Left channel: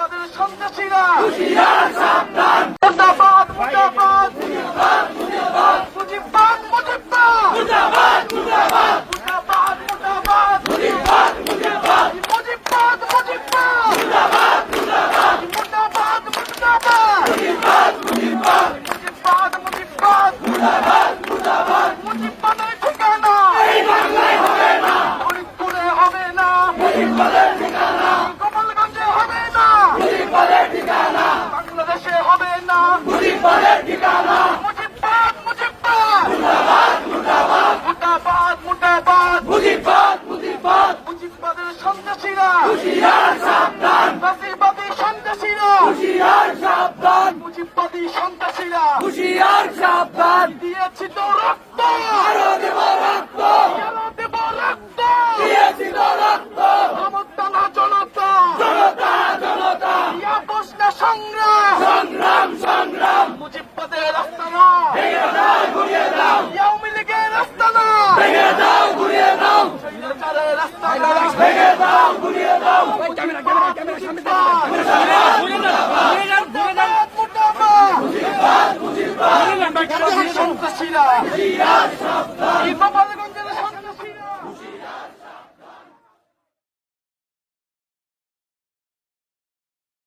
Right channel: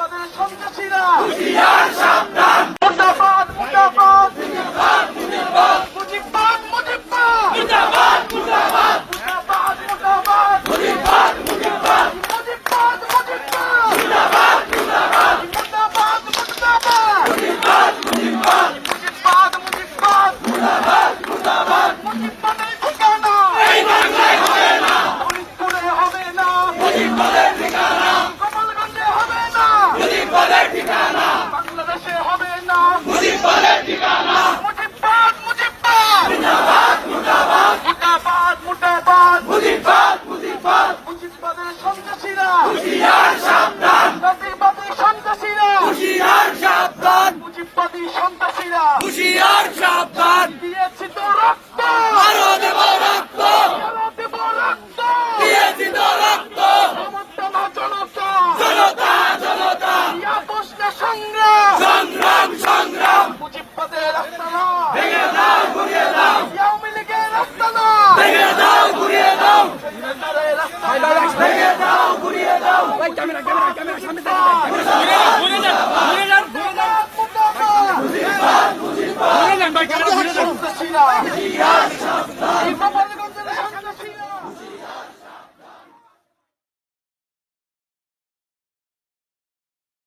মুজিববাদের সন্ত্রাসীরা হুঁশিয়ার সাবধান। মুর্দাবাদ মুর্দাবাদ মুজিবাদ মুজিবাদ মুজিববাদ মুজিববাদ মুজিবাদ মুজিবাদ মুর্দাবাদ মুর্দাবাদ মুজিবাদ মুজিবাদ মুজিববাদ মুজিববাদ মুজিবাদ মুজিবাদ মুর্দাবাদ মুর্দাবাদ মুজিবাদ মুজিবাদ মুজিববাদ মুজিববাদ মুজিবাদ মুজিবাদ মুজিববাদের ঠিকানা এই বাংলায় হবে না, ফরিদপুরে হবে না, মুজিবাদের ঠিকানা, গোপালগঞ্জে হবে না, মুজিবাদের ঠিকানা, বাংলাদেশে হবে না। মুজিবাদের ঠিকানা। মুজিববাদ মুজিববাদ মুর্দাবাদ মুর্দাবাদ মুর্দাবাদ মুর্দাবাদ মুজিবাদ মুজিবাদ মুজিববাদের সন্ত্রাসীরা হুঁশিয়ার সাবধান। নাজিবাদী সন্ত্রাসীরা হুঁশিয়ার সাবধান। মুজিববাদী সন্ত্রাসীরা হুঁশিয়ার সাবধান। দিয়েছি তো রক্ত আরো দেব রক্ত, আরো দেব রক্ত দিয়েছি তো রক্ত। সমর্থনা জনতা জনতা জনতা আপোষ না সংগ্রাম সংগ্রাম সংগ্রাম। মুজিববাদের রাস্তানা ভেঙে দাও ঘুরিয়ে দাও, আওয়ামী লীগের রাস্তানা ভেঙে দাও ঘুরিয়ে দাও, ভেঙে দাও ঘুরিয়ে দাও। সন্ত্রাসীরা